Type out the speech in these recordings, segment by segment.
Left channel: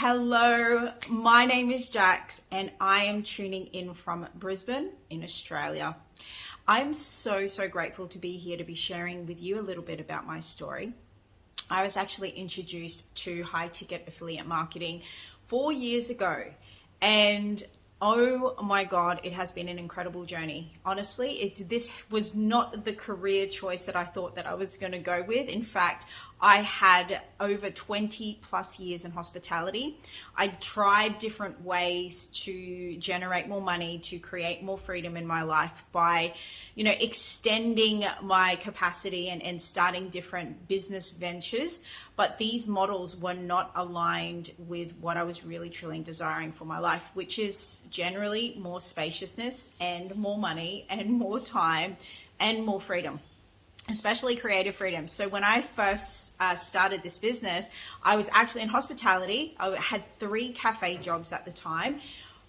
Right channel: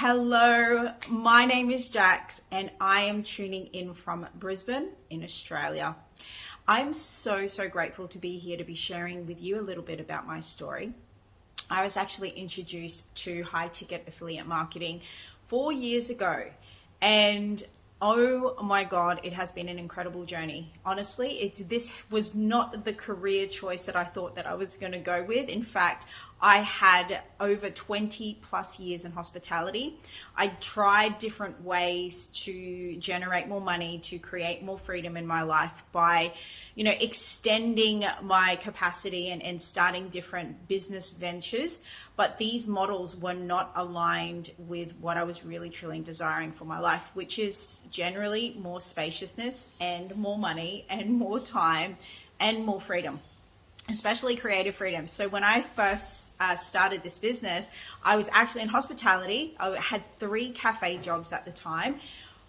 Hello, my name is Jax and I am tuning in from Brisbane in Australia. I'm so grateful to be here to be sharing with you a little bit about my story. I was actually introduced to high ticket affiliate marketing 4 years ago, and oh my God, it has been an incredible journey. Honestly, this was not the career choice that I thought that I was going to go with. In fact, I had over 20 plus years in hospitality. I tried different ways to generate more money, to create more freedom in my life by, extending my capacity and starting different business ventures. But these models were not aligned with what I was really truly desiring for my life, which is generally more spaciousness and more money and more time and more freedom, especially creative freedom. So when I first started this business, I was actually in hospitality. I had 3 cafe jobs at the time.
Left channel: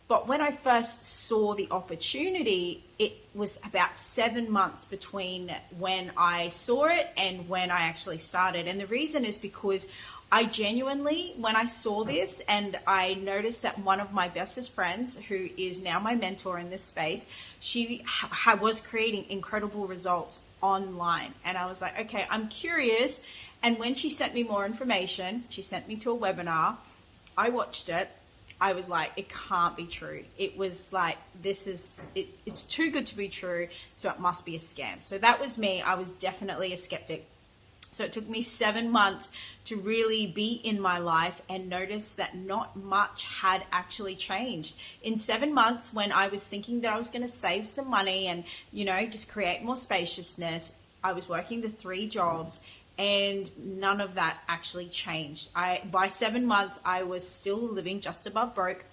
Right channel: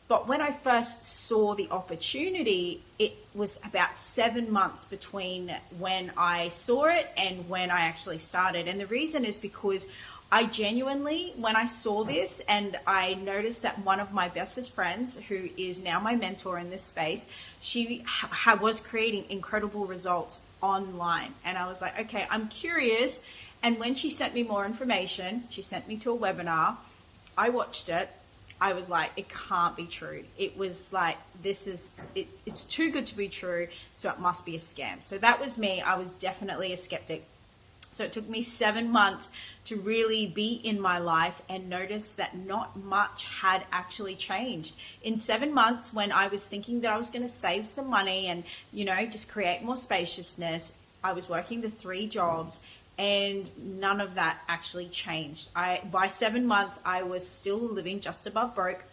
But when I first saw the opportunity, it was about 7 months between when I saw it and when I actually started. And the reason is because I genuinely, when I saw this and I noticed that one of my bestest friends, who is now my mentor in this space, she was creating incredible results online. And I was like, okay, I'm curious. And when she sent me more information, she sent me to a webinar. I watched it. I was like, it can't be true. It was like, it's too good to be true, so it must be a scam. So that was me. I was definitely a skeptic. So it took me 7 months to really be in my life and notice that not much had actually changed. In 7 months, when I was thinking that I was going to save some money and, just create more spaciousness, I was working the 3 jobs. And none of that actually changed. By 7 months, I was still living just above broke,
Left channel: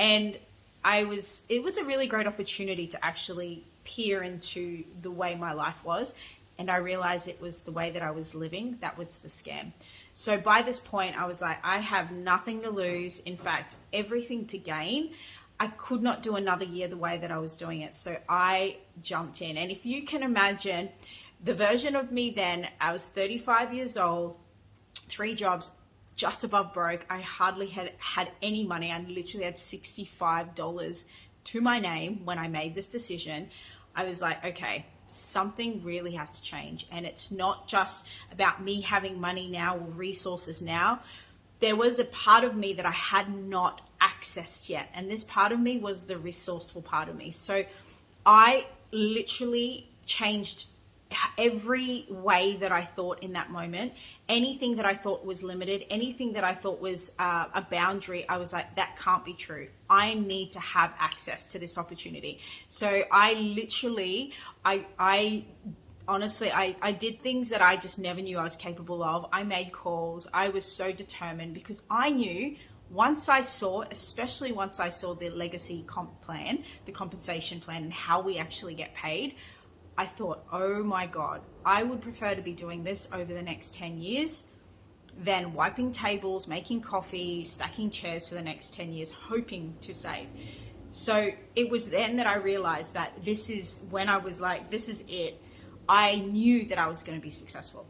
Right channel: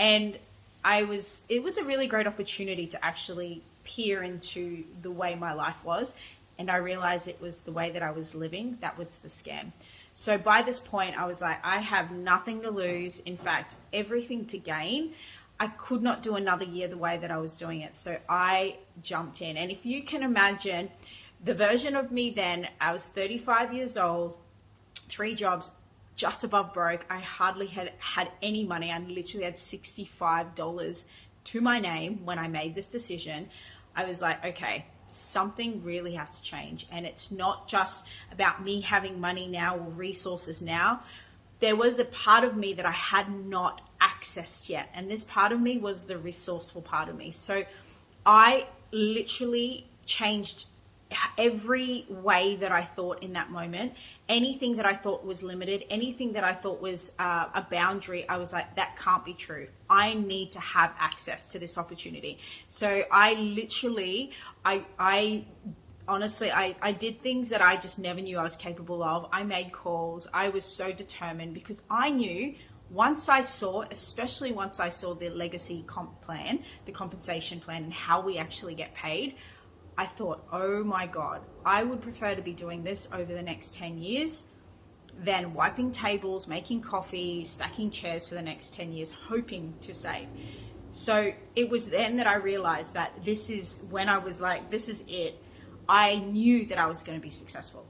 and it was a really great opportunity to actually peer into the way my life was, and I realized it was the way that I was living that was the scam. So by this point, I was like, I have nothing to lose. In fact, everything to gain. I could not do another year the way that I was doing it. So I jumped in, and if you can imagine, the version of me then, I was 35 years old, 3 jobs, just above broke. I hardly had any money. I literally had $65 to my name when I made this decision. I was like, okay, something really has to change. And it's not just about me having money now or resources now. There was a part of me that I had not accessed yet. And this part of me was the resourceful part of me. So I literally changed every way that I thought in that moment. Anything that I thought was limited, anything that I thought was a boundary, I was like, that can't be true. I need to have access to this opportunity. So I literally, I honestly, I did things that I just never knew I was capable of. I made calls. I was so determined because I knew especially once I saw the legacy comp plan, the compensation plan, and how we actually get paid, I thought, oh my God, I would prefer to be doing this over the next 10 years than wiping tables, making coffee, stacking chairs for the next 10 years, hoping to save. So it was then that I realized that this is when I was like, this is it. I knew that I was going to be successful.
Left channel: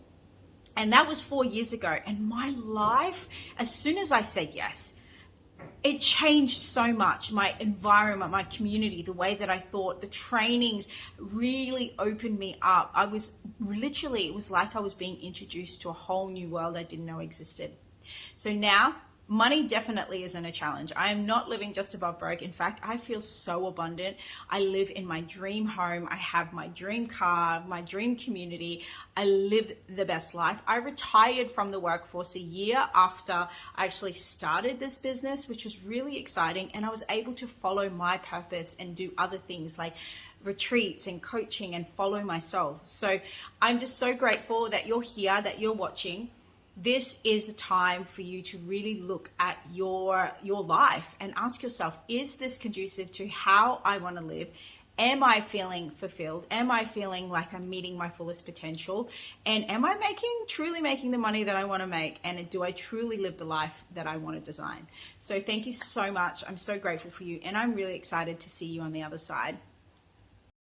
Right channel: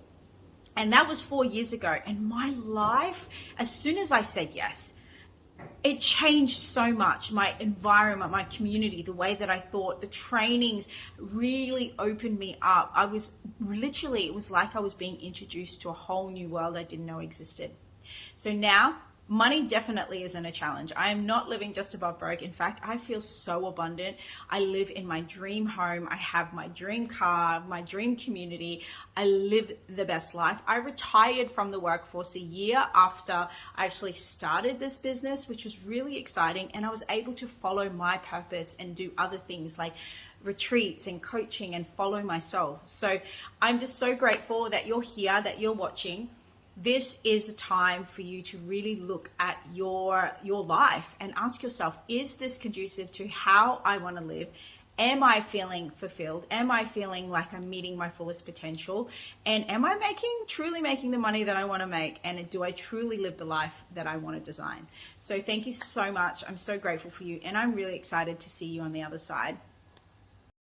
And that was 4 years ago. And my life, as soon as I said yes, it changed so much. My environment, my community, the way that I thought, the trainings really opened me up. It was like I was being introduced to a whole new world I didn't know existed. So now, money definitely isn't a challenge. I am not living just above broke. In fact, I feel so abundant. I live in my dream home. I have my dream car, my dream community. I live the best life. I retired from the workforce a year after I actually started this business, which was really exciting. And I was able to follow my purpose and do other things like retreats and coaching and follow myself. So I'm just so grateful that you're here, that you're watching. This is a time for you to really look at your life and ask yourself, is this conducive to how I want to live? Am I feeling fulfilled? Am I feeling like I'm meeting my fullest potential? And am I truly making the money that I want to make? And do I truly live the life that I want to design? So thank you so much. I'm so grateful for you. And I'm really excited to see you on the other side.